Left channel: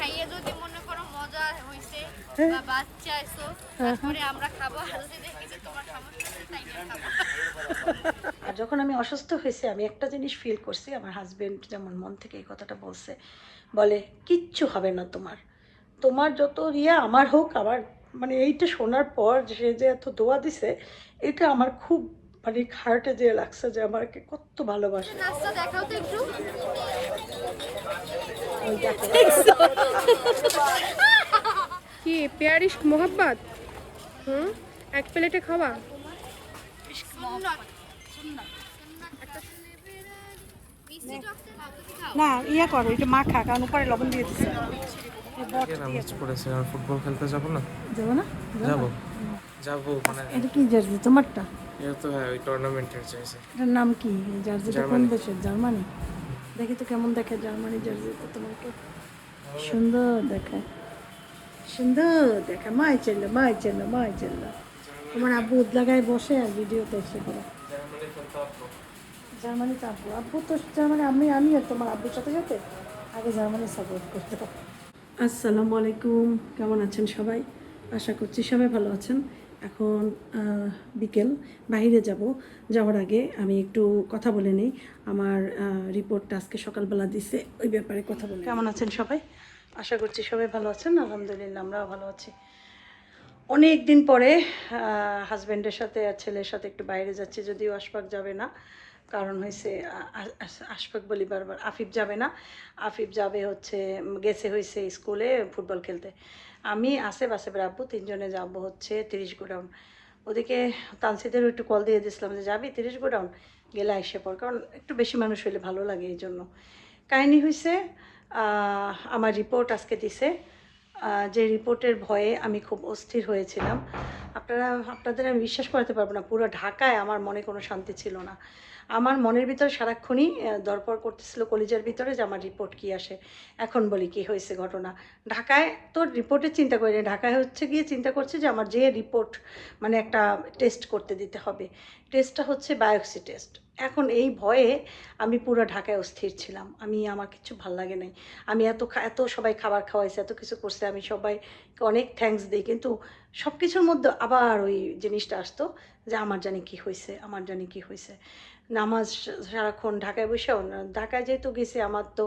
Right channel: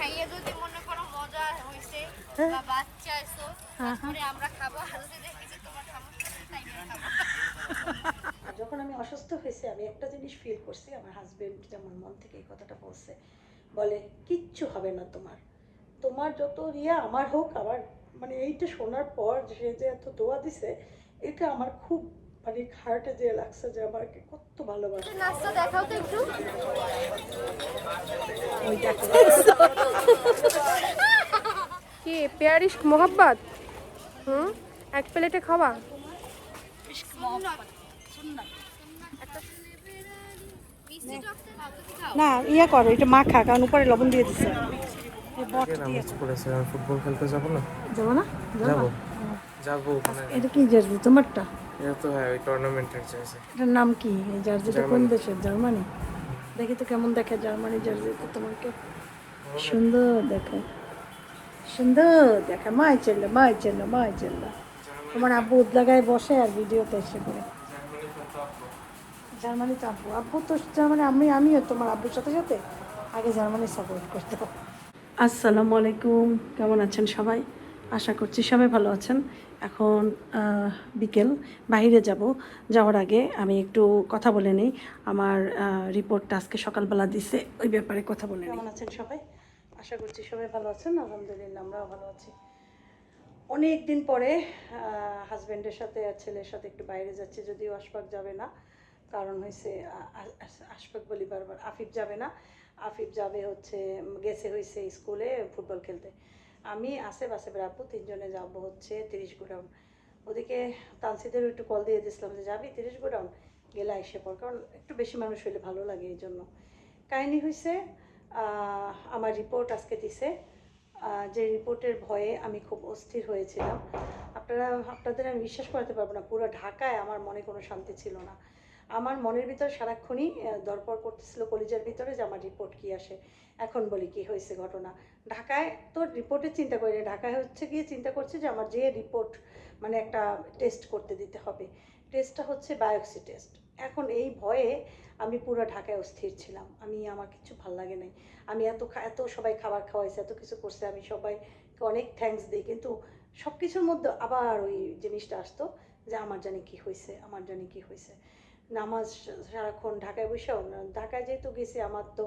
খাইয়ে যদি মনে করো মজা হইছে বা বাচ্চা আইছো তারপরে আমরা খাবো, আর যদি দেখি যে তোমার সমস্যা আছে তাইলে খাবো। আর যখন আমি অসুস্থ হয়েছি আমি একটা জিনিস ফিল করছি, আমার হাজবেন্ড যেমন মন থেকে এই কথাটা বলছে, বলে কিচ্ছু হবে না তোমার, তোমার যত ইয়া আমার হোক। আবার মানে এইটা শোনার পর সে যে এত দোয়া দিছে, এটা আমার খুব মানে হার্টে যে লাগছে যে আমাকে কত ভালোবাসে। নাচটা দেখাও তো একটু। কি প্যার ইশক মোহাব্বত? এক প্লেটে খাওয়া। না ইয়া করো, এটা মাখা, কারণ উপরে লবণ দিয়ে দিছে। নামাজ পড়েছে আর ফুটবল খেলতে যাবো না? যাবো না? যাবো যাবো মানে এটা কি জার্সি তোমারটা? এটা তো হ্যাঁ ওই টুর্নামেন্টের চাইছে। এটার নাম কি? এই জার্সিটা কোন জার্মানি। দেশের? জার্মানি। দেখি তো কেমন দেখে জার্মানি জার্সিটা তোমাকে। সুন্দর দেখে, সুন্দর দেখে। মাই চললো, মাই চললো, মাই চললো। তোমার আব্বু লাগায় বসে আর ভিডিওতে এসে করে। জার্মানি তো আব্বু, আব্বু তো জার্মানি, আমিও তোমার আব্বুর সাথে সাথে আগে জার্মানি সাপোর্ট করতে। আসসালামু আলাইকুম, কেমন আছেন সবাই? আশা করছি সবাই ভালো আছেন। এখন বিকেল, বাইরে যাব। যাওয়ার আগে আমি একটু কথা বলে নিই। আমার রিপোর্টটা আজকে সকালবেলা দিছে, ওই ব্যাপারে কথা বলে। কেমন আছেন সবাই? আশা করছি সবাই ভালো আছেন। আলহামদুলিল্লাহ আমরাও ভালো আছি। অনেক দিন পরে হাজব্যান্ডের সাথে আর ছেলের সাথে একটু বাইরে যাচ্ছি, যদিও আশফাক যাবে না। কারণ হয়েছে আশফাক বলি বারবার, আফিফ যাবে না। আফিফ যাবে হচ্ছে, গেছে হয়েছে স্কুলে ফুটবল খেলতে। আমি আসেফ আব্বু তিনজনে যাব হচ্ছে 30 গোডাউন। ওদিকে তানসিদেরও একটু কল দিয়ে দিয়েছিলাম যে যাবি 30 গোডাউন, গেলে আইসে পর, কারণ একটু বেশি মানুষ হইলে ভালো লাগে। এই জন্য কাহিনি হয়েছে, আমার রিপোর্ট আজকে দিছে। যে রিপোর্টের ভয়ে আমি খুব অস্থির হয়েছিলাম। আপনাদের আমি বিশ্বাস করাতে পারবো না, পুরো ঢাকায় আমার মনে কোনো শান্তি ছিল না। আমার মনের ভিতরে সারাক্ষণই দরপর করতেছিল কলিজার ভিতরে যে আমার রিপোর্ট কী আসে। এখন বলি কি হয়েছে ঘটনা। ঢাকায় তো রিপোর্টের চিন্তা করি না, ঢাকায় হচ্ছে গিয়ে চিন্তা করছি যে আমার যে রিপোর্ট মানে একটা টেস্ট করতে দিতে হবে, টেস্টটা হচ্ছে বায়োপসি টেস্ট। এখন এই ভয়ে আমি পুরো ঢাকায় অস্থির ছিলাম। আমার কিছু ভাল লাগে নাই। আমি এত সবাই খাবার খাওয়াইছে, এত কিছু করছে, আমি সবাইকে অনেক থ্যাঙ্কস দিই, কিন্তু সব কিছুর মধ্যে আবার ওই জিনিসটা আসতো যে আমার জানি কি হয়েছে, আমার জানি কি হয়েছে। নামাজ সারাক্ষণ ঢাকায় বসেও, ঢাকায় যেহেতু গেছি আমার তো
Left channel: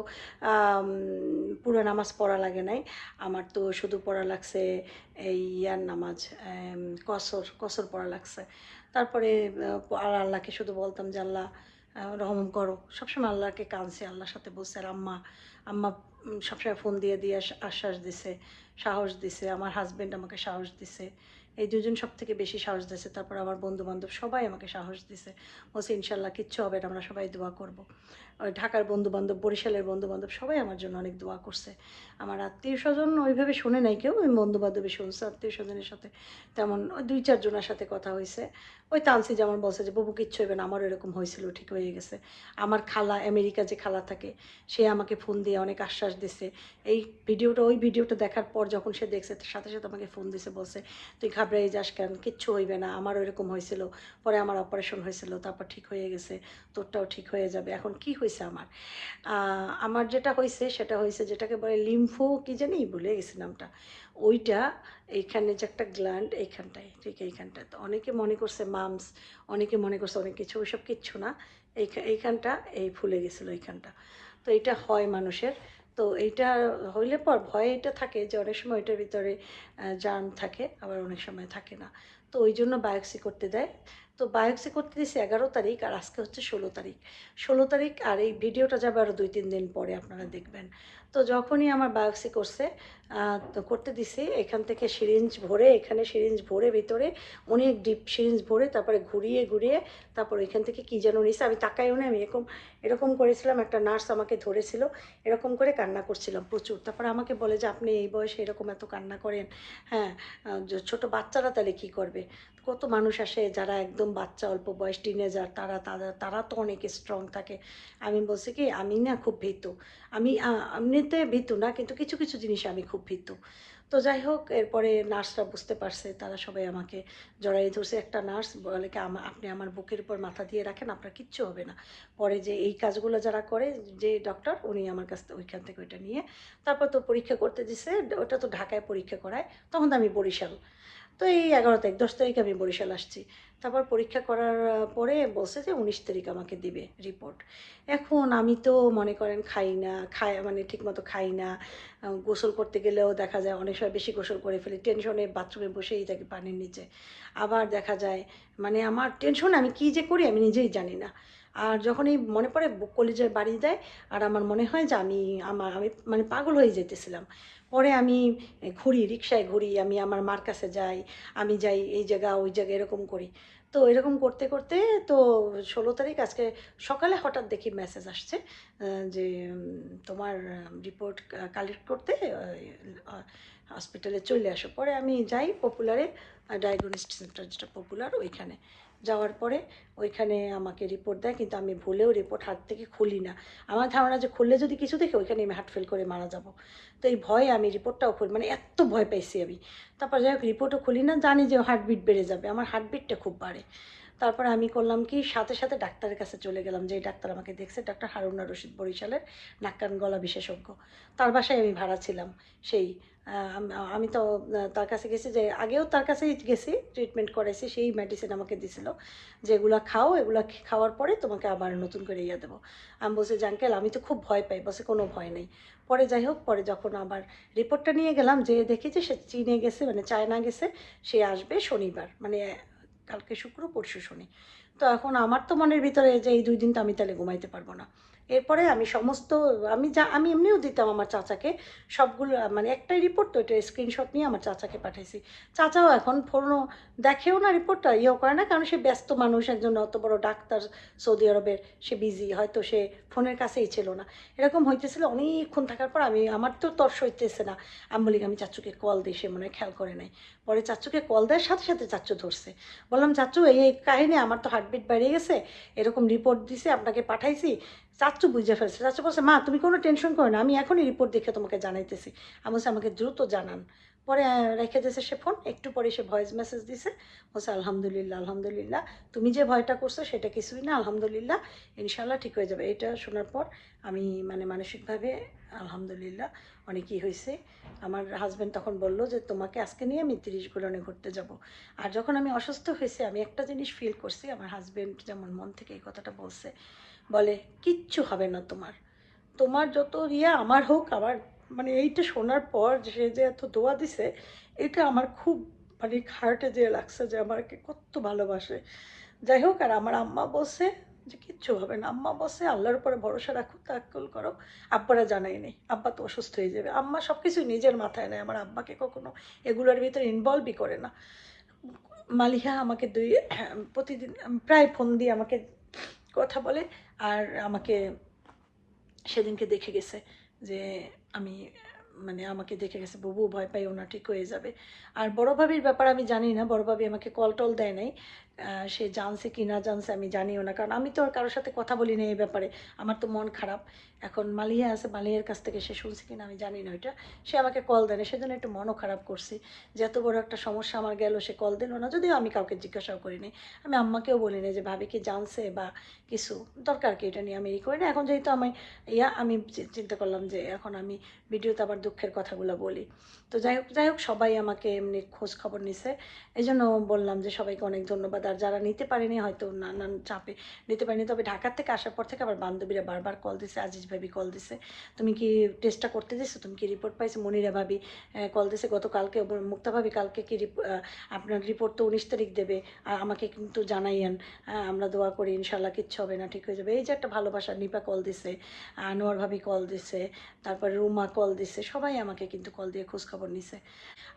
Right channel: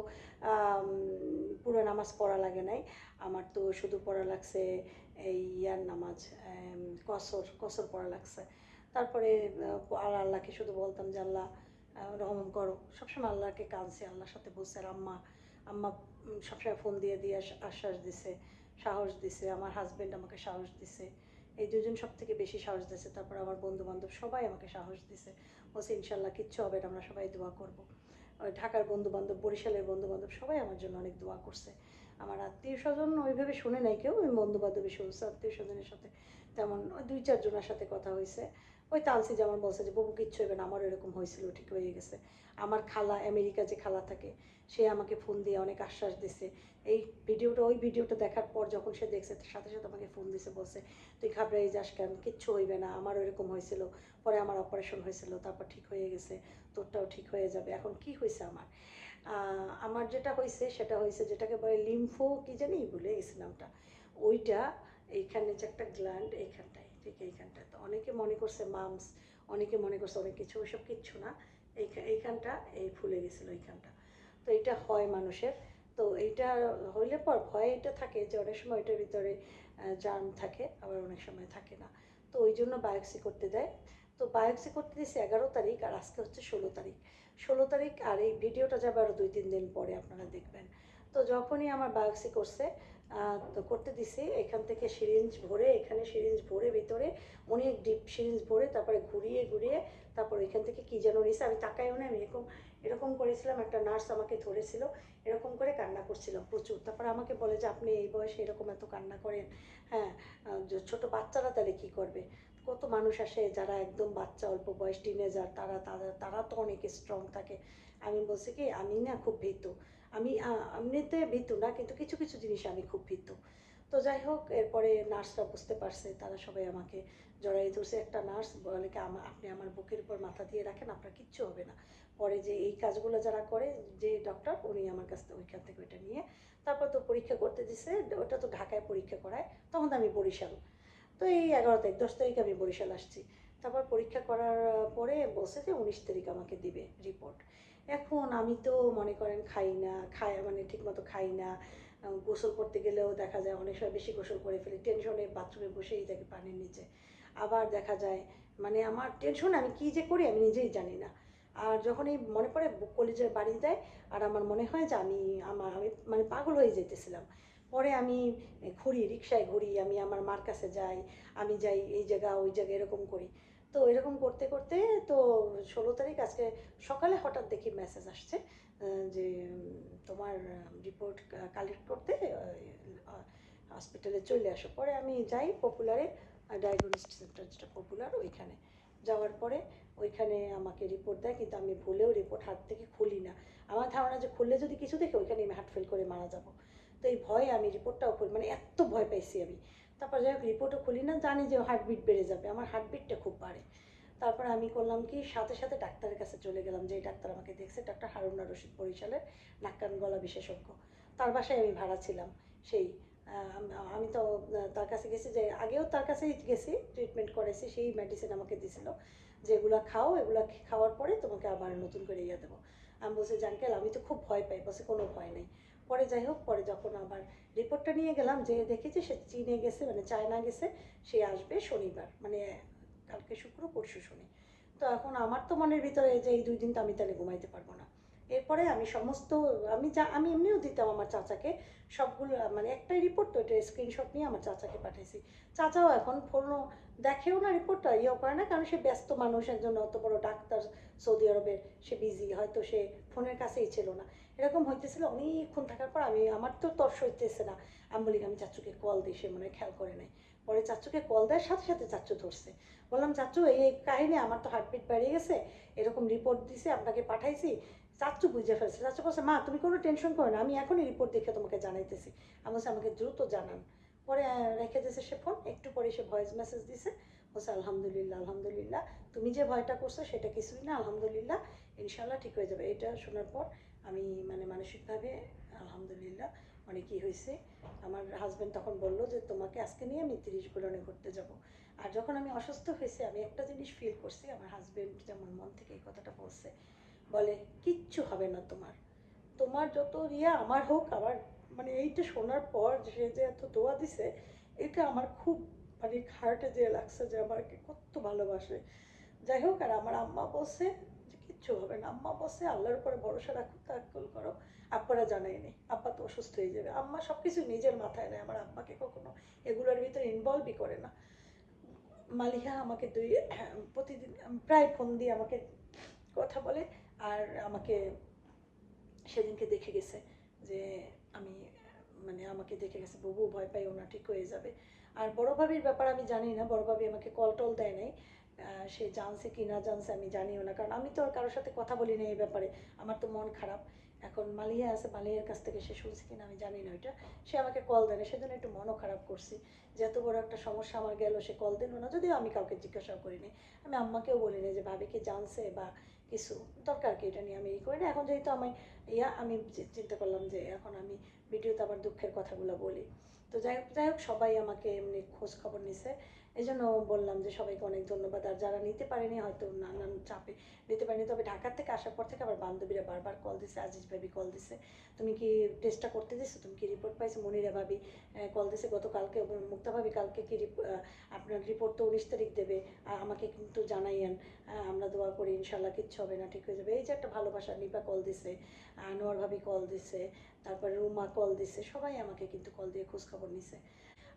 পুরো নামাজ পড়া লাগে নাই। আমার তো শুধু পড়া লাগছে এই ইয়ার নামাজ, কসর পড়া লাগছে। তারপরে আর আল্লাহকে শুধু বলতাম যে আল্লাহ রহম করো। সবসময় আল্লাহকে কাঁদছি, আল্লাহর সাথে বসে। আর আম্মা আম্মা সবসময় ফোন দিয়ে দিয়ে আশ্বাস দিছে, সাহস দিছে। আমার হাজব্যান্ড আমাকে সাহস দিছে, এই দুজন সব থেকে বেশি সাহস দিছে। তারপর আমার বন্ধু বান্ধব সবাই আমাকে সাহস দিছে, বলছে ইনশাল্লাহ কিচ্ছু হবে না, আমরা সবাই দোয়া করব। ঢাকার বন্ধু বান্ধব, বরিশালের বন্ধু বান্ধব সবাই আমার জন্য অনেক দোয়া করছে। আমার আত্মীয় স্বজন ওইভাবে শুনে নাই কেউ, ওই বন্ধু বান্ধবী শুনছে। আত্মীয় স্বজনের সাথে তেমন ওই 2-4 জনের সাথে কথা হয়েছে। ওই তানসি যেমন বলছে যে বাবু কিচ্ছু হবে না, আমারও এরকম হয়েছিল, ঠিক হয়ে গেছে। আমার খালা, আমেরিকা যে খালা থাকে, সে আমাকে ফোন দিয়ে অনেক আশ্বাস দিছে। ওই ভিডিওটা দেখার পর যখন সে দেখছে, সাথে সাথে আমাকে ফোন দিছে, বলছে তুই ঘাবড়াই যাস কেন, কিচ্ছু হইবে না, আমারও এরকম হয়েছিল, পরে আমার অপারেশন হয়েছিল, তারপর ঠিক হয়ে গেছে, তোরটাও ঠিক হয়ে যাবে। এখন কি হয়েছে আমার, আমার যেটা হয়েছে সেটা হয়েছে যেটাকে বলে লিম্ফো কি জানি ভুলে গেছি নামটা, ওইটা এইখানে যে একটা গ্ল্যান্ড এইখানটায়, ঠিক এইখানটায়। তো অনেকে মনে করছে মামস, অনেকে মনে করছে অনেক কিছু, ওইসব কিচ্ছু না। এইখানটা ফুলে গেছিলো এইখানটা। তো এটা হয় মানুষের। তো এইটা হইলে পর ভয়ে এটা থাকে যে অনেক সময় এটার ভিতরে জার্ম থাকে, আবার অনেক সময় থাকে না। তো ওই জন্য বায়োপসি করতে দেয়। তো বায়োপসি করতে দিয়েছি 11 তারিখ, আর আজকে হচ্ছে 16 তারিখ। 16 তারিখ, আর এই ভিডিওটা যাবে আরও 2-3 দিন পরে, আপনারা দেখবেন। তো যখনই আমার বায়োপসি তো করতে দিছি, এখান থেকে সিরিঞ্জ ভরে, এখানে সিরিঞ্জ ভরে ভিতরে অনেক ডিপ সিরিঞ্জ ভরে, তারপরে ঘুরিয়ে ঘুরিয়ে তারপর এখান থেকে কী যেন নিছে, আমি তাকাইও না। আমি এরকম করেছিলাম, একটা নার্স আমাকে ধরেছিল, এরকম করে কান্না করছিলাম প্রচুর। তারপরে আমাকে বলে যে আপনি এই বয়সে এরকম এত কান্না করেন, হ্যাঁ, ছোটো বাচ্চারা তাহলে কী করবে। কত মানুষ আসে যারা একদম বাচ্চা, অল্প বয়স, টিনেজার, তারা তো অনেক স্ট্রং থাকে। আমি বলছি কি আমি না খুব ভীতু, আমি এমনিতে ভীতু না, কিন্তু কিছু কিছু জিনিসে আমি খুব ভীতু। তো তো যাই হোক, এরপরে নার্সরা বুঝতে পারছে, তারা সবাই আমাকে জড়াই ধরছে। একটা নার্স বলে কি, আপনি আমার বুকের উপর মাথা দিয়ে রাখেন, আপনার কিচ্ছু হবে না। পরে যে এই কাজগুলো যারা করে, যে ডক্টর, উনি আমার কাছ থেকে ওইখান থেকে ওইটা নিয়ে তারপর তো পরীক্ষা করতে দিছে। ওটা তো ঢাকায় পরীক্ষা করায়, তখন তো আমি বরিশাল। তো এই 11 তারিখ 10 তারিখ আমি বরিশাল আসছি। তারপর পরীক্ষা করার পরে বলছে যে 19 তারিখ আমাকে দিবে রিপোর্ট। এখন আমি তো মনে করেন খাই না, মানে ঠিকমতো খাই না। গোসল করতে গেলেও দেখা যায় অনেক সময় বেশি গোসল করে ফেলি, টেনশনে বাথরুমে বসেই থাকি পানির নিচে। আবার দেখা যায় মানে আমার টেনশন, আমি কী যে করি আমি নিজেই জানি না। আর যখনই মনে পড়ে বুক কলিজায় বাড়ি দেয়, আর আমার মনে হয় যে আমি মানে পাগল হয়ে যেতেছিলাম। পরে আমি ঘুরি, রিক্সায় ঘুরি, আমি আমার মার কাছে যাই, আমি যাই এই জায়গা ওই জায়গা, এরকম করি। তো এরকম করতে করতে তো 16 তারিখ আজকে সকালে হঠাৎ দেখি মেসেজ আসছে যে তোমার রিপোর্ট কালেক্ট করতে হসপিটালে চলে আসো। পরে আমি যাই পপুলারে, ডায়াগনস্টিক সেন্টার যেটা পপুলার, ওইখানে যাওয়ার পরে ওইখানে আমাকে রিপোর্ট দেয়, কিন্তু আমি ভুলেও রিপোর্ট হাত থেকে খুলি না। আমার ধারণা যে খুললে যদি কিছু দেখে ওইখানে আমি হার্ট ফেল করে মারা যাব। তো এই ভয়ে আমি রিপোর্টটাও খুলি, মানে এত ভয় পাইছি আমি। তারপর যাই হোক রিপোর্টও খুলি না, জানি যে হার্টবিট বেড়ে যাবে, আমার হার্টবিটটা খুব বাড়ে। তারপরে আমি করলাম কি, সাথে সাথে ডাক্তারের কাছে চলে গেলাম, যে ডাক্তার আমাকে দেখছে, ডাক্তার হারুনা রশিদ, বরিশালের নাক কান গলা বিশেষজ্ঞ। তার বাসায় আমি ভাড়া ছিলাম। সেই আমি তো তার কাছে গেছি, যে আগেও তার কাছেই গেছি, ট্রিটমেন্ট করেছি, সেই মেডিসিন আমাকে দিছিল যে এগুলো খাও, এগুলো খাওয়ার পরে তোমাকে আবার নতুন করে ইয়ে দেবো। আমি বলছি যে আঙ্কেল আমি তো খুব ভয় পাই। বলছে কোনো ভয় নেই। পরে যাই হোক, পরে যখন আবার রিপোর্টটা নিয়ে গেলাম, যে দেখি যে সে চীনে গেছে, মানে চায়না গেছে, সে আসবে শনিবার, মানে কালকে শুক্র পরশু শনি। তো এখন আমার তো মনের ভিতরে যে এই 2 দিন তো আমি তাহলে ঘুমাইতে পারবো না। এরপরে আমি সমস্ত, আমি এমনিও দিতাম আমার চাচাকে সবগুলো, মানে একটাই রিপোর্ট, তো এটা স্ক্রিনশট নিয়ে আমার চাচাকে পাঠাইছি। চাচাও এখন ফোনও দেখেও না, রিপোর্টটা ইয়েও করে না, কারণ সে ব্যস্ত মানুষ, একজন অত বড় ডাক্তার সৌদি আরবের, সে বিজি, হয়তো সে ফোনের কাছেই ছিল না। এরকম হইতেছিল অনেকক্ষণ থাকার পর আমার তো তর্স হইতেছে না। আমি বলি আমি চাচুকে কল দিই, সে মনে হয় খেয়াল করে নাই। পরে চাচুকে কল দেওয়ার সাথে সাথে চাচু ধরছে। বললাম চাচু এই এই কাহিনী, আমার তো হার্টবিট বেড়ে গেছে, এরকম রিপোর্ট দিছে, আপনাকে পাঠাইছি। চাচু বুঝে ফেলছে। চাচু বলছে মা তুমি কোনো টেনশন করো না, আমি এখনই রিপোর্ট দেখে তোমাকে জানাইতেছি। আমি বলছি আমাকে দ্রুত জানান। পরে রেখে দিয়েছে সে ফোন, একটু পরে সে ভয়েস মেসেজ দিছে, বলছে আলহামদুলিল্লাহ আলহামদুলিল্লাহ, তুমি যে ভয়টা করছো সেটা কিছুই না, আলহামদুলিল্লাহ ইনশাল্লাহ ঠিক হয়ে যাবে। এটা শোনার পর আমি মানে মানসিকভাবে আলহামদুলিল্লাহ অনেকই হয়েছে। আমার হাজব্যান্ড তখন বলল যে তোমাকে আজকে নিয়ে আমি 30 গোডাউনে ঘুরতে যাব। আর যখন আমি অসুস্থ হয়েছি, আমি একটা জিনিস ফিল করছি, আমার হাজব্যান্ড যেমন মন থেকে এই কথাটা বলছে, বলে কিচ্ছু হবে না তোমার, তোমার যত আমার হোক। আমার মানে এইটা শোনার পর সে যে এত দোয়া দিছে, এটা আমার খুব মানে হার্টে যে লাগছে, যে আমাকে কত ভালোবাসে। যাই হোক, আর আমার আম্মা বলছে যে কিচ্ছু হবে না, আম্মা বলছে আল্লাহর উপরে ভরসা রাখো, তাওয়াক্কুল করো। আব্বারা জানাই নেই, আব্বা তো অসুস্থ হয়ে যাবে। আম্মা সব কিছু নিজের মাথায় নেয়, আমার আব্বাকে কখনো এগুলোর ভিতরে ইনভলভই করে না। মালিহা আমাকে প্রতিদিন প্রায় ফোন দিয়ে আমাকে কথা বলে, আর আমাকে সেদিনকে দেখে গেছে যে আমি মানে আমাকে দেখে গেছে, বুবু ভয় পাইও না, ঠিক হয়ে যাবে। আর বড় ভাবির ব্যাপার আমি জানি না, বড় ভাবি আমাকে কল টল দেয় নাই। সে জানছে কি না জানছে আমি জানিও না, কারণ আমি তো আর কারোর সাথে কথা বলি না এই ব্যাপারে, আমার তো মন খারাপ। এখন মালিয়া আছে, মালিয়ার কাছ থেকে সে শুনছে কিনা আমি জানি না ওইটা। সে আমাকে কল দেয় না, সেজন্য একটু মনও খারাপ করছি যে এত বড় একটা সমস্যা আমার গেল, সে কল দিল না। যদিও আমি কাউকে জিজ্ঞাসাও করিনি, আমি আম্মাকেও বলি না যে ভাবি কি জানছে বা কিছু, দরকার কি এটা নিয়ে আমি করি না। এখন যেহেতু আমি চিন্তা করলাম যে এখন আমি ভিডিওতে আবার দুঃখের কথাগুলো বলি। তো যাই হোক সবাই আমাকে এমনি খোঁজ খবর নিছে, এই জন্য বললাম যে সবাইকে অনেক ধন্যবাদ। আর যারা নিতে পারেনি, হয়তো নানান চাপে নিতে পারেনি, তবে ঢাকার থেকে আসার পর থেকে আবার বান্ধবীরা বারবার কল দিছে, আজিজ ভাবি কল দিছে, তুমি কি টেস্টটা করতে দিছো, তুমি কি রিপোর্ট পাইছো। মনিরা ভাবি কল দিছে গতকালকে, মুক্তা ভাবি কালকে কি আপনার রিপোর্ট তো 19 তারিখ দেবে, আর আমাকে কিন্তু জানাইয়েন, আমরা দোয়া করি ইনশাল্লাহ কিচ্ছু হবে না, ঠিক হয়ে যাবে। এই যে একটা ভালোবাসা, নিপা কল দিছে, আনোয়ার ভাবি কল দিছে, তারপরে রুমা কল দিছে, সবাই আমাকে কিন্তু কল দিয়ে খোঁজ খবর নিছে।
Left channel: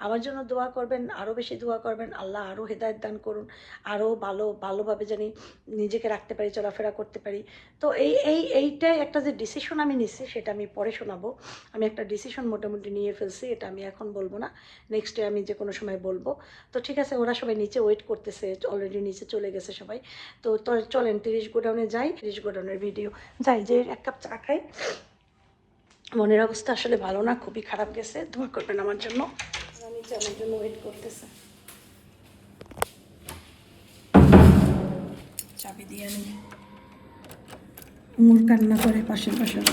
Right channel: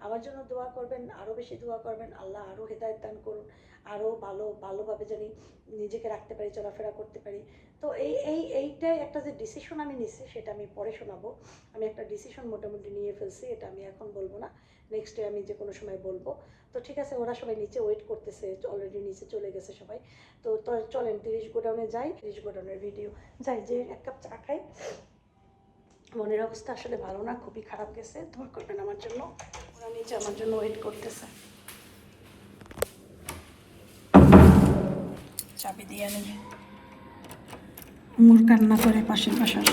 আমার জন্য দোয়া করবেন, আরও বেশি দোয়া করবেন, আল্লাহ আরও হেদায়েত দান করুন, আরও ভালোভাবে জানি নিজেকে রাখতে পারি, চলাফেরা করতে পারি। তো এইটাই একটা যে ডিসিশন আমি নিচ্ছি, সেটা আমি পরে শোনাবো। আমি একটা ডিসিশন মোটামুটি নিয়ে ফেলছি, এটা আমি এখন বলবো না, নেক্সট ডে আমি যে কোনো সময় বলবো। তো ঠিক আছে, ওরা সবাই নিচে ওয়েট করতেছে, অলরেডি নিচে চলে গেছে সবাই। তো চলেন 30 গোডাউনে যাই, 30 গোডাউনের ভিডিও যাই, যে 1 কাপ চা খাই। মনের অবস্থা আসলে ভালো না, খুবই খারাপ গেছে, দোয়া করবেন আমার জন্য। নিচে আমার জন্য ওয়েট করতেছে। চাবি দিয়ে নেবে, মোর কান্না করে পাশের বাসায়।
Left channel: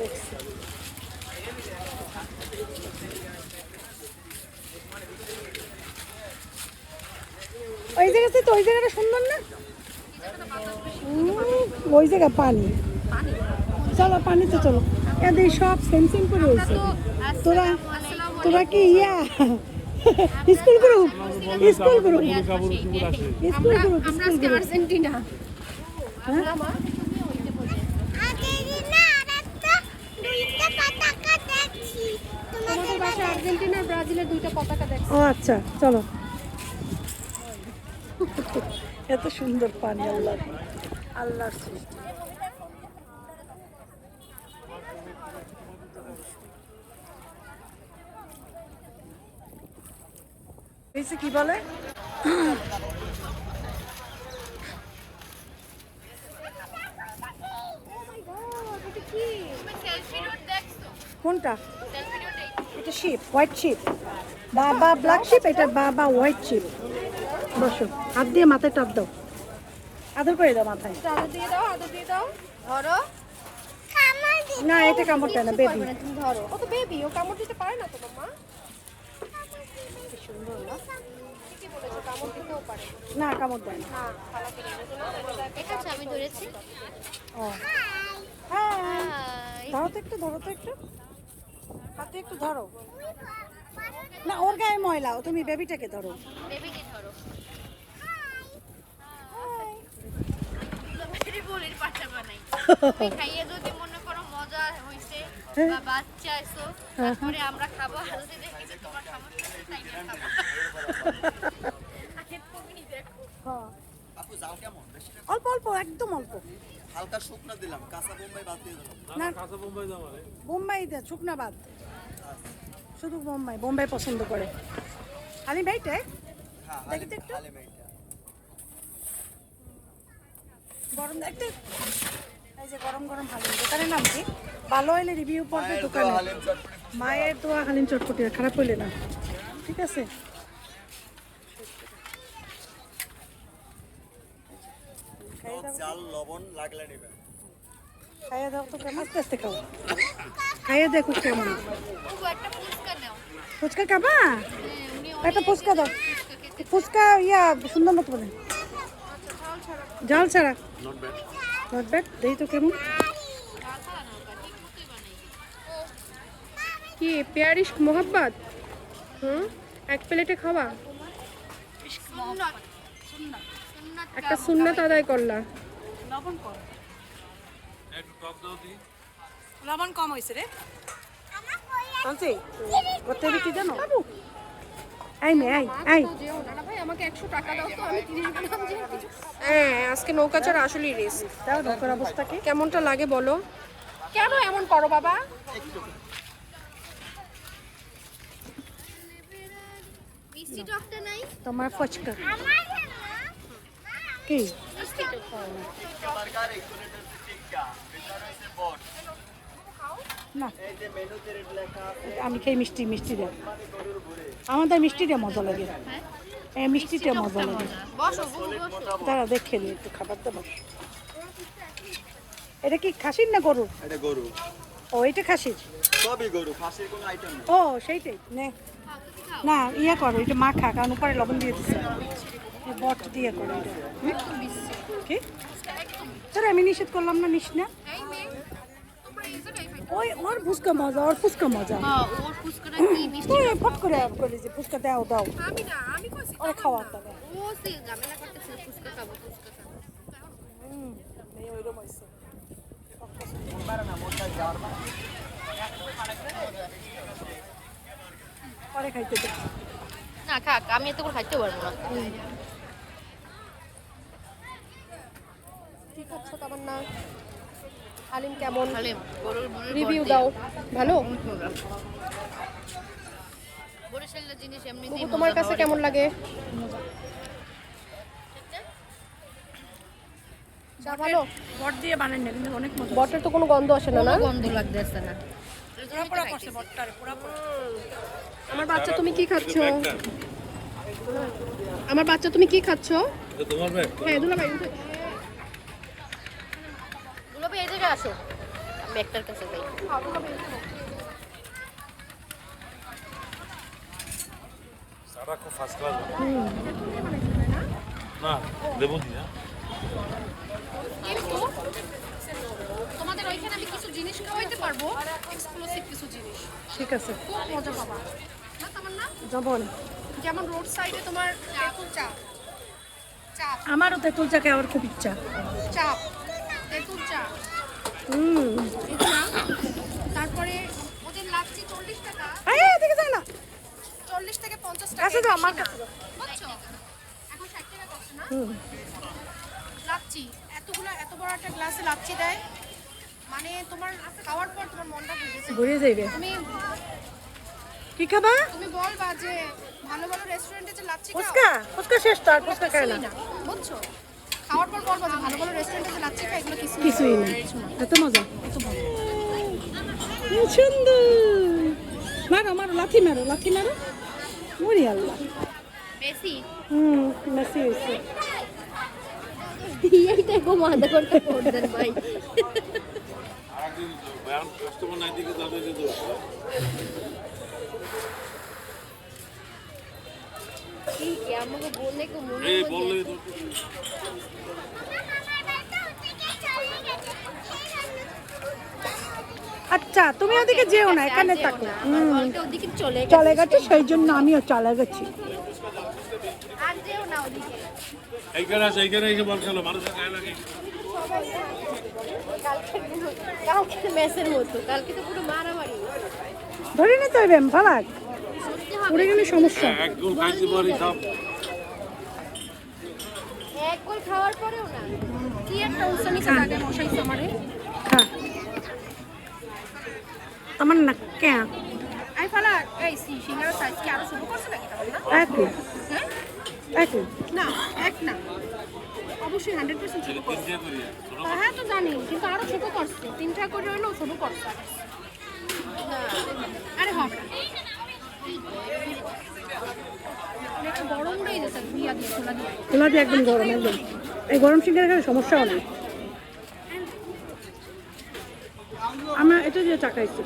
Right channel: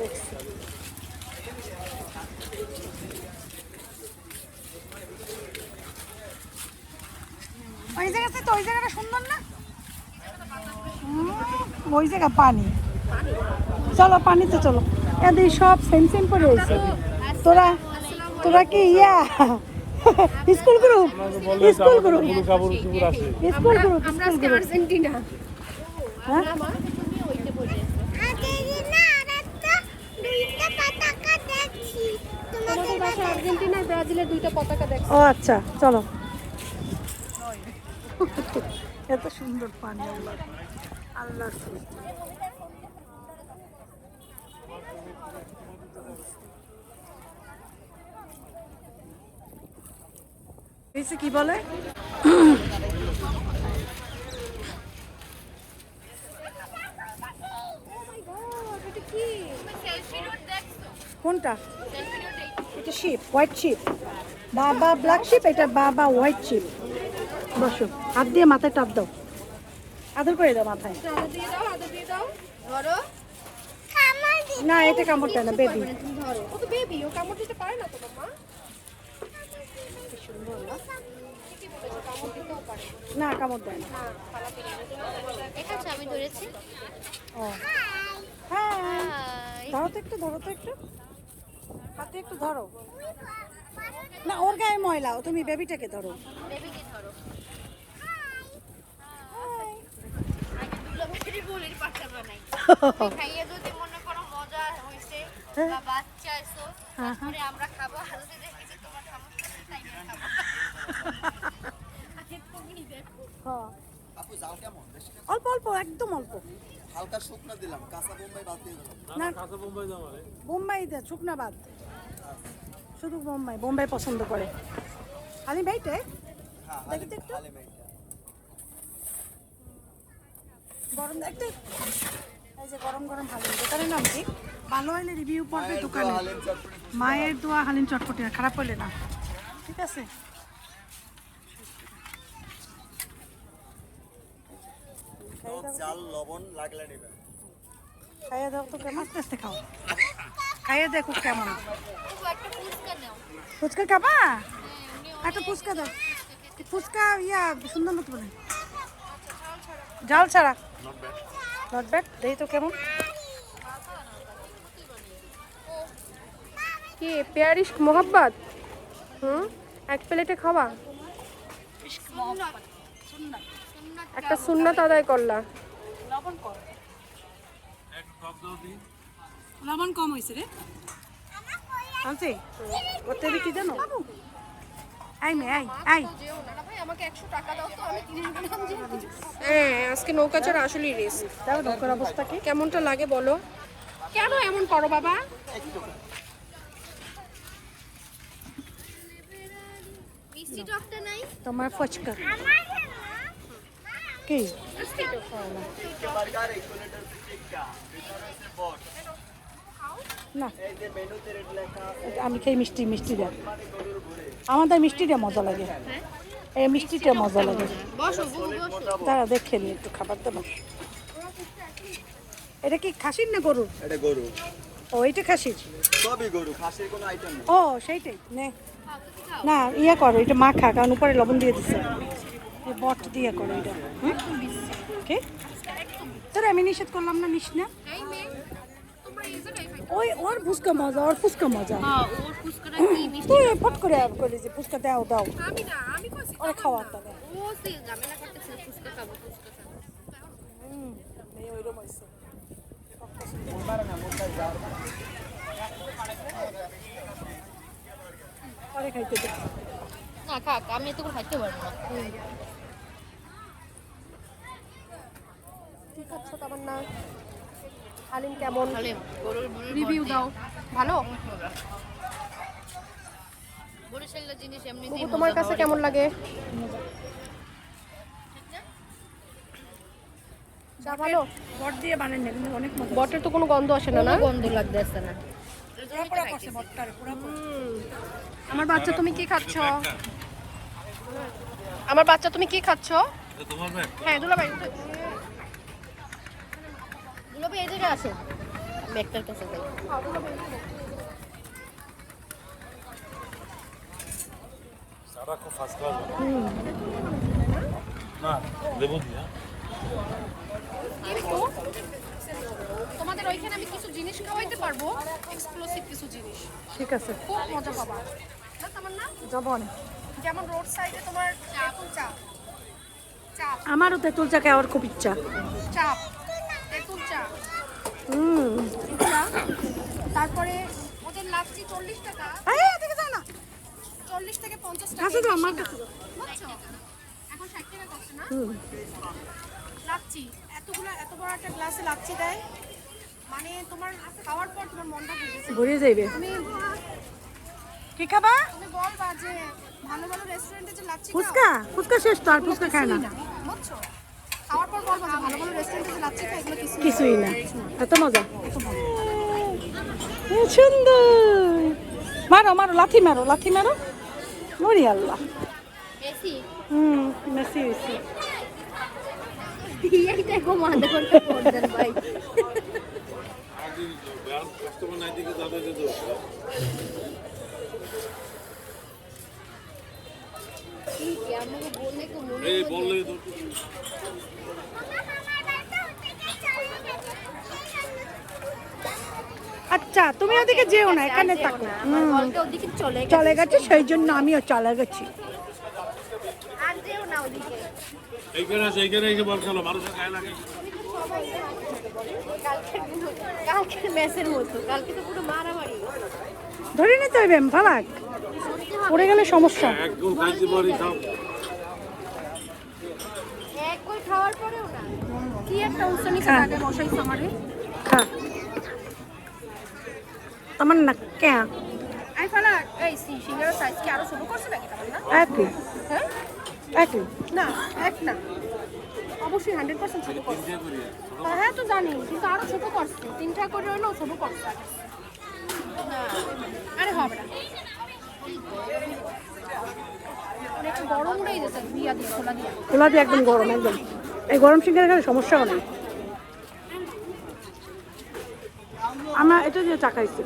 দেখছি ওই জায়গাতে তো, ওই জায়গাটা সুন্দর না? ওই জায়গা পানি, চলো পানিতে চলো। এদের সব সেম সেম করে হয়েছে। তোরা তোরা কি ইয়া school group? School group, school group, school group. Argentina. হ্যাঁ তোমাদের বাসায় আর্জেন্টিনা আর ব্রাজিলের দুইটা পতাকা দেখো। ও আচ্ছা, চলো। এত সুন্দর পানি, আল্লাহ আল্লাহর সৃষ্টি। কি বলে কোনটা? এটা শিপ, হোয়াইট শিপ, বাবা ব্ল্যাক শিপ, এটা বাবা হোয়াইট শিপ। বসো, হাত দিয়ে মাথায় টাপ দাও, আদর করে দাও মাথায়। আদর দিয়ে দাও, আদর দিয়ে দাও। ধরো। না এটা কামড় দেয় না, বেবি। তুমি ধরো। ও তো বেবি, ও কামড় দিতে পারে না তো বাবা। না কামড় দেয় না। দেখাচ্ছ আমি ধরেছি। ও হাই। ধরো তো একটু, ধরো তো একটু, হাতে একটু ধরো। না ওর গায়ে ময়লা, তুমি বেবিটাকে ধরো। বেবিকে ধরো। বলির পাঠা বানাই। খাইয়ে যদি মনে করো মজা হইছে বা বাচ্চা আইছো, তারপরে আমরা খাবো, আর যদি দেখি যে তোমার সমস্যা হচ্ছে তাই নিয়ে খাবো। আগে তুমি দেখো। হ্যাঁ আপু জাল কেমন? বেশি না? অল্প অল্প, একদম অল্প। হালকা শুকনা দিলাম, কাঁচা বোম্বাই বাদ দিয়ে দিলাম। না বোম্বাই দে, শুকনা বাদ, শুধু বোম্বাই। বোম্বাই পছন্দ করে আলি ভাইটাই। হ্যাঁ, দেখি তো একটু হালিম এইটা। গরম একটু, এই যে গরম গরম হালিম। দোকানের নাম কি? ভালো হলে রিভিউ পড়বে দোকানে। হালিম চটপটি। মায়ের দোয়া হালিম চটপটি, খারাপ হইলে না, ঠিক আছে? জাল লবণ লাগলে নেবেন। খাইয়ে দাও তো, কেমন? আস্তে আস্তে খাও, খাইয়ে দেখো কেমন। ও একটা ফুচকা নাও। ফুচকা খাবা? একটা ফুচকা দাও, ফুচকা ইয়া সুন্দর মতো বলে, ঝাল ছাড়া। নট ব্যাড, দেখি তো কেমন। কি পেয়ারিশ মোহাব্বত? এক প্লেটে খাওয়া? একটা সুন্নাত আদায় করলা। লবণ কম, লবণ কম হয়েছে রে, বলছি ওতে বিক্রি দেন বাবু। I may I I. ভাই আমাকে 100 টাকা দাও তো, আমি 30 গ্রাম দিয়ে। হ্যাঁ, আজকে নৌকা চড়া আসলেই রিস্ক। দাও নৌকার অবস্থা কি? কেমনটা লাগে বলো? কেন এমন করো বাবা? মিষ্টি টকটা নাই? তোমার ফুচকা এই না, এটা আমি খাই মিষ্টি, মিষ্টি দাও। আমাদের মিষ্টিটা মজা লাগে, এই মিষ্টিটা মজা লাগে। বসো বুবু বসো। দাঁড়া দেখে নি একটু খাবার দেবো। এটা কি খাসির না গরু? এটা গরু। ও এটা খাসির। সবই গরু, খাসির কোনো আইটেম নেই। ও সেইটাই নে না, ইয়া করো এটা মাখা, কারণ উপরে লবণ দিয়ে দিচ্ছে, এই বট দিয়ে করো এটা। ওকে তোর আমি নিষেধ করলাম না, নিস না। ওই ওর ফুচকা মজা, ওর ফুচকা মজা। হ্যাঁ ওর ফুচকাটা কি মিষ্টি। তুই ফট করে করলি যে ফুচকা দাও দাও, আমি না, আমি কইছি ওরা খাওয়ার দাও। ও সে ঝামেলা করতেছে, ফুচকা খাবো, ফুচকা খাবো। এই ওইরকম হয়েছে। আরে খাইতে দে। না খাক, আমি এত করে খাইতে পারবো না। কি খাচ্ছ তামান্না? হালিম কেমন? হালিম গরুর রিভিউ দাও। ভালো? বরিশালের জিনিস এমনিতেই বুবু, তোমার কাছে কেমন লাগে? চা ভালো? বট দিয়ে বানান না, কিন্তু অনেক মজা। বটের তো কোনো গন্ধ আসে না। কোনো গন্ধ লাগতেছে না। পুরা করছে বটটার পুরা। আমার বাচ্চা, তুমি কি খাচ্ছ? আমার বাচ্চা, তুমি কি খাচ্ছ? হ্যাঁ দুলাভাই। দুলাভাই এই জায়গায় আসো, ব্যাগটার কাছে যাই। সারা খুব ফার্স্ট ক্লাস না দেবো দিয়া কিন্তু তোমাদের ওইখানে আমি কিছু জিনিস খাওয়াইতে পারবো, এক্সক্লুসিভ কিছু জিনিস। ঠিক আছে, খুব মজা পাবা না তামান্না? জবন। যেমন রোড সাইডে তোমার চাপ চাপ আমারও তেঁতুল চা খাওয়ার খুব ইচ্ছা। চাপ তেঁতুল চা। তারপরে ওদের লাচ্ছি 40 টাকা। এদিকে যাও না। 40 থেকে 50 টাকা। কাছে দাও, আমার কাছে দাও। বুঝছো? এখন 60 টাকা করছে না? লাচ্ছি এত বড় একটা গ্লাসে লাচ্ছি দেয়, মানে তোমার খাওয়ার পর তোমার মনটা ঘুরে যাইবে। তুমি খাবা? তুমি বলবা যে ভালো ভালো রেস্টুরেন্টে যে লাচ্ছি ফুচকা? ফুচকা শেষ তো, আর ফুচকা খায় না। বুঝছো? খাওয়ার পর বলবা যে ভালো ভালো রেস্টুরেন্টে যে লাচ্ছি খায়, এগুলো কিছুই না, এত মজা। সুন্দর। মারো মারো, লাথি মারো, লাথি মারো। মরি আল্লাহ। বেশি বেশি বেশি। এইটাই খুব মজা করতে পারতেন ভাই। কাস্টমার নাই দিকে যাবে যে এই বললে আচ্ছা, তুমি ওদিকে যেও না, এখানে যেও থাকো। না, আমার বলতে ওদিকে চলে গেছে। চলে গেছে, সেই জন্য আমিও চলে গেছি। আর যেও না ওদিকে। এইখানে আছে, এইখানে এসে বল খেলো মানুষের গায়ে লাগে কালকে মেসের মতো, কালকে তো পুরো মারামারি। ধরে নিতে হইবে, ভাড়ায় পড়ে গেলে সমস্যা। এক গুল খাইতে পারি সব একবার খাওয়ার পরেও না। কি একটা উস্তানি আগে বসাইছ আমারে। হ্যাঁ, আমার না কে আই ফালা এই সিঙ্গারের সাইজ কি আরো ছোট করছে নাকি তামান্না? একই হ্যাঁ একই। না, এক না, অবশ্যই 100% ছোট করছে। দিয়ে করি হ্যাঁ তো জানি, কিন্তু আরো ছোট করছে, 3টা করে হইলেও ছোট করছে আগে। আরে হবে না, একটা গরম উড়াই দিয়েছে দিয়া দিয়ে খোলা দিয়া। খোলা দিয়ে একদম গরম, একদম। এই গরম সিঙ্গারে খেলে সমস্যা হবে। আমার এটা দিয়ে চাকাইছে।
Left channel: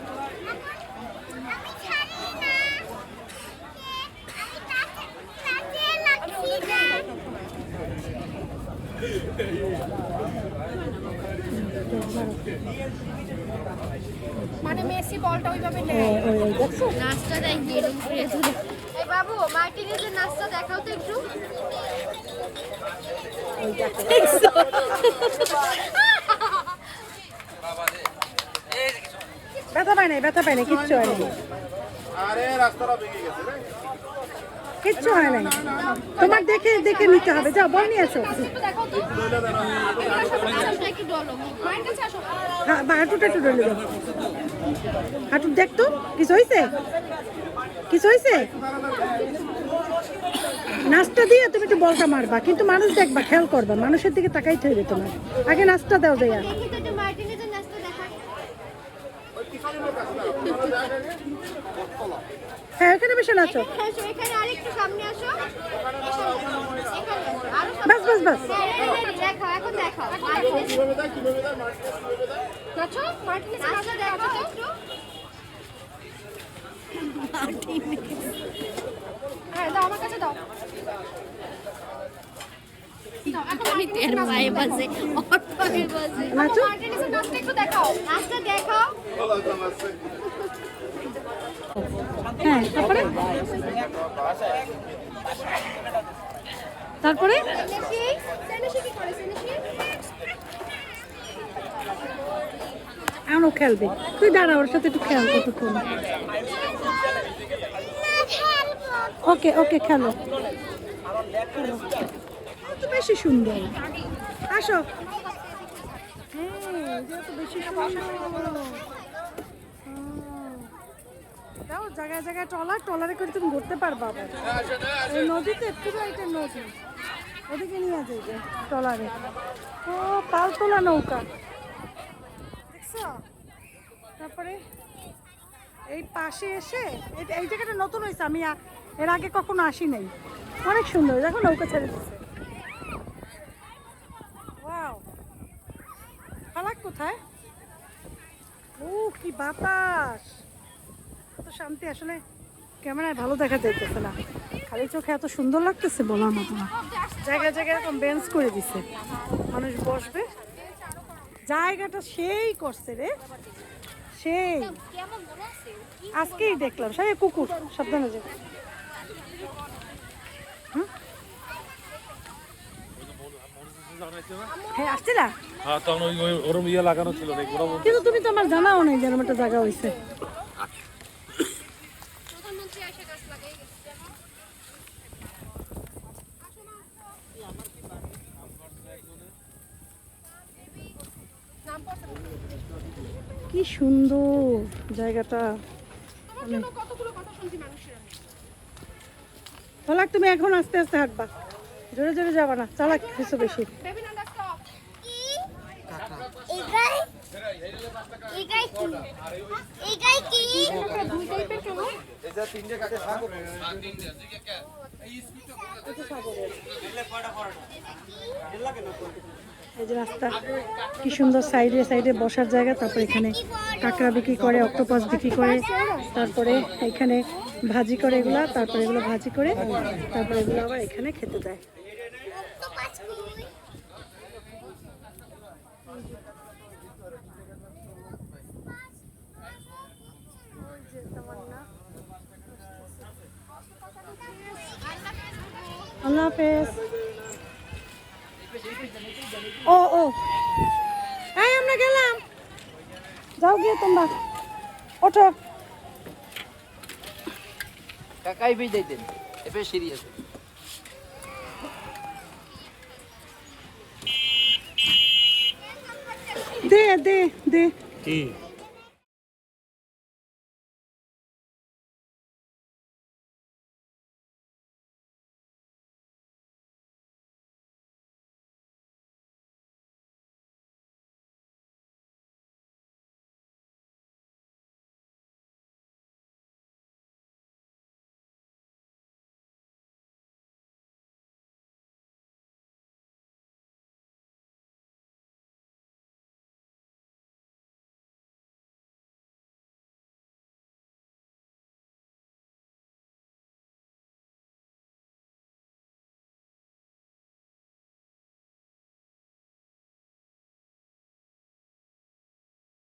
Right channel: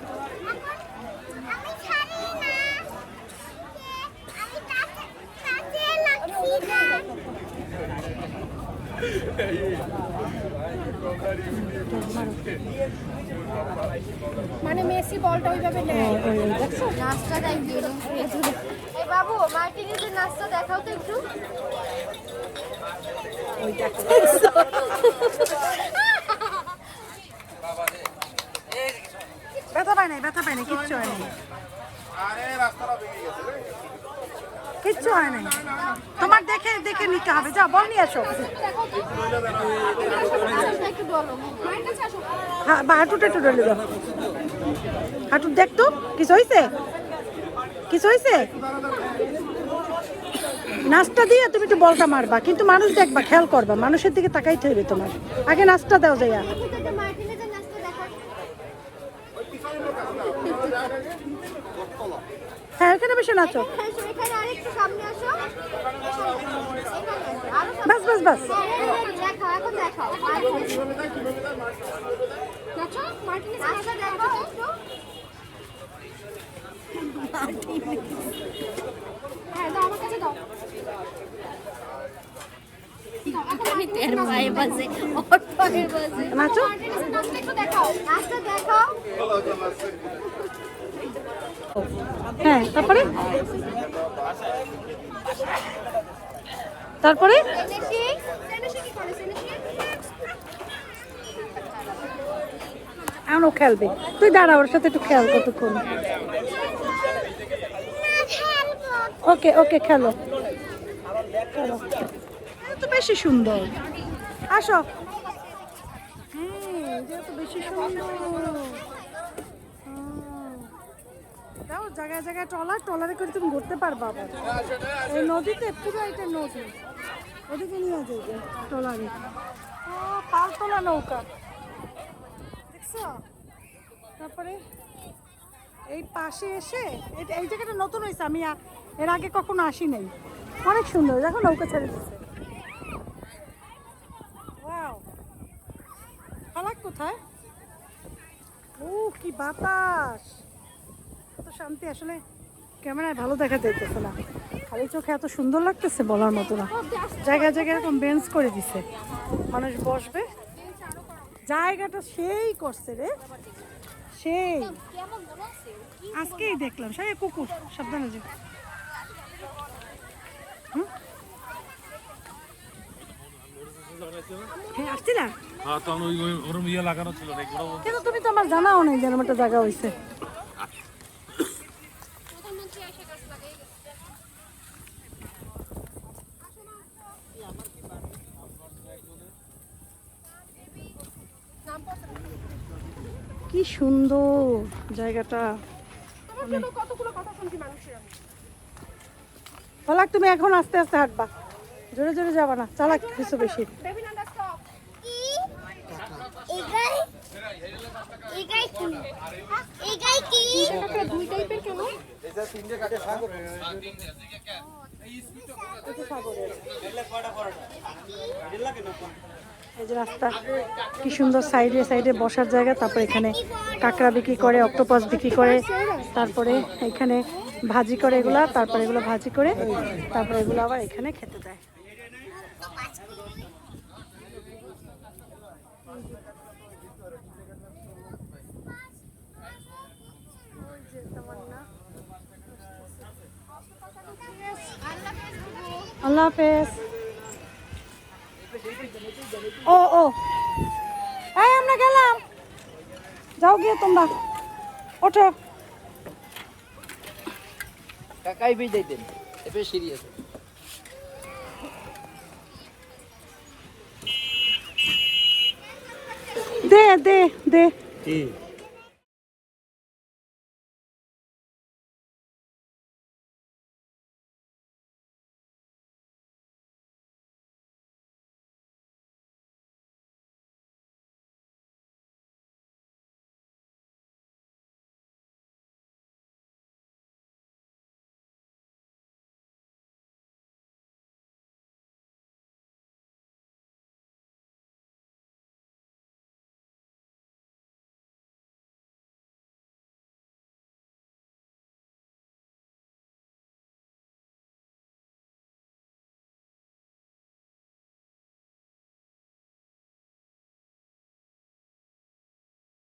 মানে মেসি বলটা ওইভাবে নেয়। নাস্তা দেয় কি এরকম করে ধরে। এই বাবু, মার্টিনিজের নাস্তা দেখাও তো একটু। ব্যথা পায় নাই, ব্যথা পায় নাই, কিচ্ছু হয় নাই, কিচ্ছু হয় নাই। তোমার দেখে দেখে নিতে হবে। যাও, বল নিয়ে আসো। আরেকটা একটু বলো। মায়ের কাছে আসো। হ্যাঁ, বা হাঁটুটা একটু ডলে দাও। হাঁটু দেখতো, কিছু হয়েছে? কিছু হয়েছে? নাস্তা দিয়ে তুমি একটু বলটা মারবা, কিন্তু মানুষ দেখবা, খেয়াল করবা, মানুষের দিকে তাকাইতে হবে তোমার। আগে নাস্তা দাও যাইয়া। দেখি তো একটা মার্টিনিজের নাস্তা দেখাও। হ্যাঁ, ওখানে বসে নাচো। এখানে আসো, এখানে আরেকটু সামনে আসো। এখানে আসো, আরো সামনে। বাস বাস বাস। হ্যাঁ, রেডি, দেখাও, এখন দেখাও। মার্টিনিজ নাচো, মার্টিনিজ নাস্তা দেখাও একটু। হ্যাঁ দাও, আমার কাছে দাও। পায়ে বাজে, ওর পায়ে বাজে। নাচো। মার্টিনিজের নাচটা একটু দেখাও। নাস্তা দেখাও। হ্যাঁ, তারপরে তারপরে সেনিশি কি করে? সেনিশি এখন ও খেলবে। তুই দাঁড়া, ওর সাথে একটু খেয়াল কতক্ষণ। ওকে ওকে, খেলো খেলো। তো বেশি সুন্দর। আসো। এটা তো বেশি সুন্দর। দাও জায়গায় জায়গায় ট্রলারে করে তুমি ঘুরতে পারবা আবার। এই নদীতে পুরো এটা নদী, ওদিকে নিয়ে যাবে ট্রলারে। ও পাল তোলা নৌকা দেখছো। তারপরে এই পাশে এসে এই জায়গাটা নতুন হয়েছে, আমি এর আগে কখনো আসি নাই। অনেক সুন্দর, দেখো নৌকা ছেড়ে দিচ্ছে। ফালাক কোথায়? ও কি বাতাস, এত শান্তি। আসলে ক্যামেরায় ভালো দেখা যাইতেছে না, খালি চোখে এত সুন্দর লাগতেছে বলার মতো না। জায়গায় জায়গায় এরকম বেঞ্চ করে দিছে, মানুষ বসবে। জায়গাটা সেই করছে রে, সেই আজকেই দেখলাম। সবাই কুকুর সাবধানে যাবে। হ্যাঁ আসছিলা, হ্যাঁ তখন ওরম ইয়ে লাগানো ছিল না কিন্তু তুমি তো আমার জানাও নেই যেরকম একটা জায়গা হয়েছে। কি সুন্দর জায়গাটা। তোমার জন্য কতগুলো কথা শুনছি মানুষের আমি। ফালাক তুমি এখন আস্তে আস্তে হাঁটবা, জোরে জোরে যাবা না, চালাক কিছু বেশি। Baby Nanda stop. দুই টাইপের কেন? এটা তিনটে কাটে সাগর এই যে রাস্তা, কি সুন্দর সাইডে সাইডে বসার জায়গা। তারপর এখানে কাঁকড়া বিক্রি করে, অক্টোপাস বিক্রি করে, তারপরে এখানে ভাজি করে এগুলা, তারপরে এগুলো ভাজি করে, তারপরে এগুলো আবার এখানে খেতে দেয়। আল্লাহ হাফেজ। ও ও এই আমরা গেলাম, যাও গিয়ে তোমরা ওঠো। কাকাই भी दे दें ये पे सीरियस দে দে দে কি